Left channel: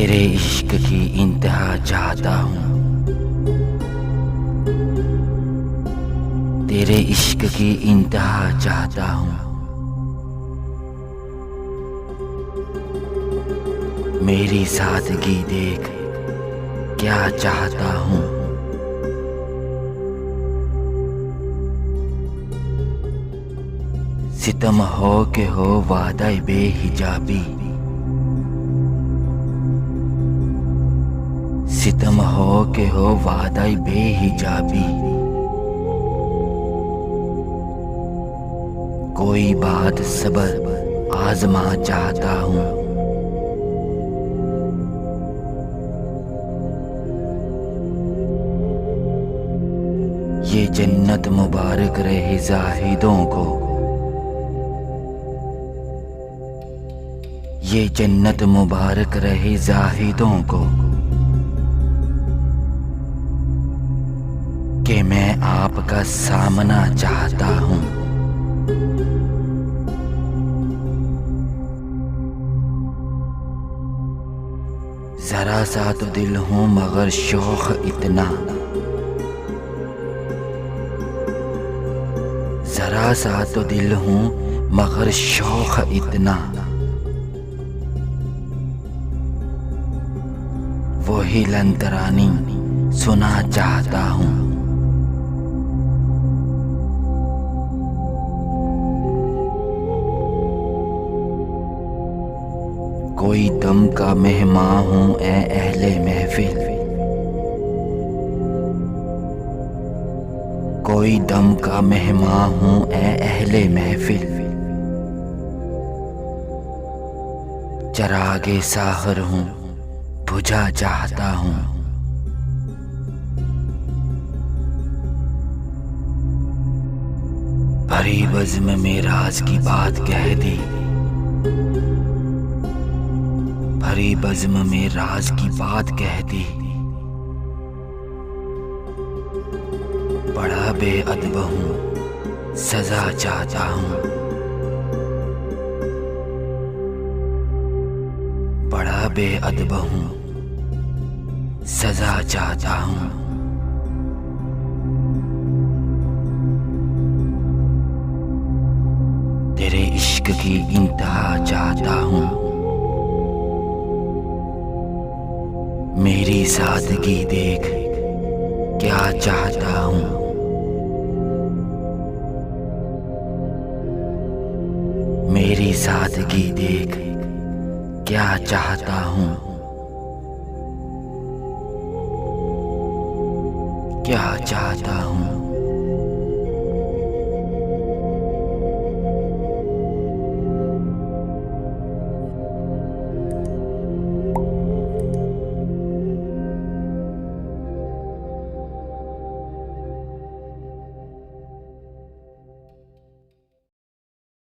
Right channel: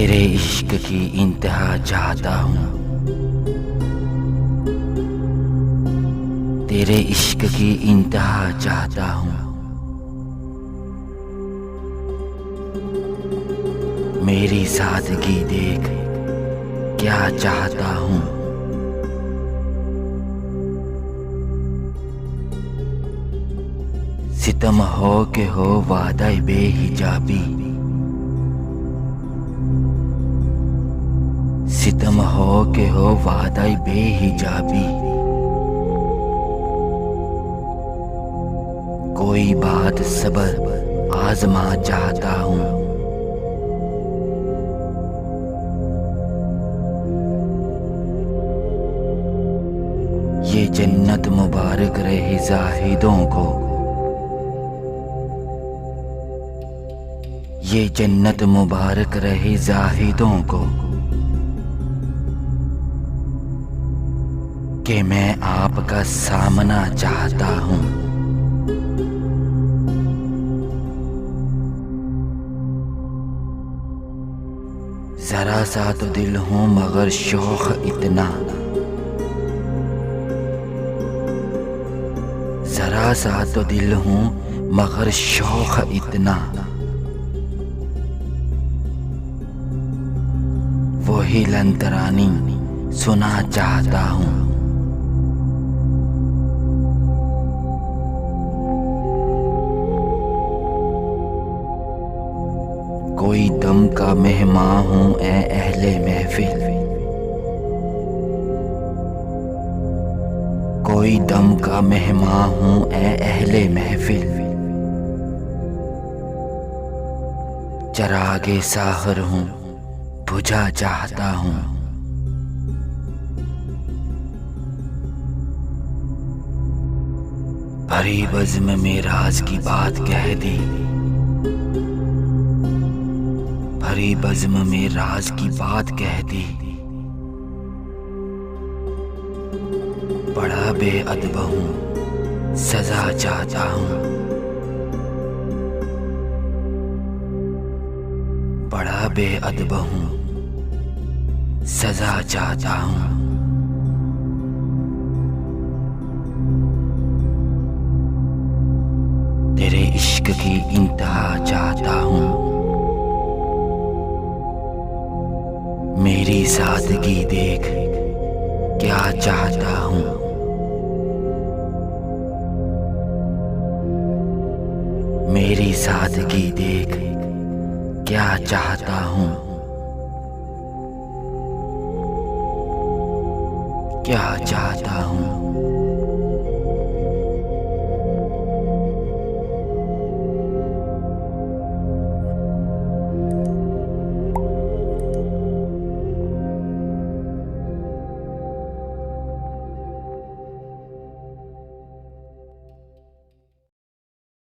तेरे इश्क की इंतहा चाहता हूँ, तेरे इश्क की इंतहा चाहता हूँ। मेरी सादगी देख क्या चाहता हूँ। सितम हो के हो वादा बेहिजाबी, सितम हो के हो वादा बेहिजाबी। कोई बात सबर आजमा चाहता हूँ। ये जन्नत मुबारक रहे जाहिदों को, ये जन्नत मुबारक रहे जाहिदों को, कि मैं आपका सामना चाहता हूँ। जरा सा तो दिल हूँ मगर शौक इतना, जरा सा तो दिल हूँ मगर शौक इतना। वही लंतरानी सुना चाहता हूँ। कोई दम का मेहमान हूँ ए अहले महफिल, कोई दम का मेहमान हूँ ए अहले महफिल। चरागे साहर हूँ बुझा चाहता हूँ। भरी बज़्म में राज की बात कह दी, भरी बज़्म में राज की बात कह दी। बड़ा बेअदब हूँ सजा चाहता हूँ, बड़ा बेअदब हूँ सजा चाहता हूँ। तेरे इश्क की इंतहा चाहता हूँ। मेरी सादगी देख क्या चाहता हूँ। मेरी सादगी देख क्या चाहता हूँ। क्या चाहता हूँ।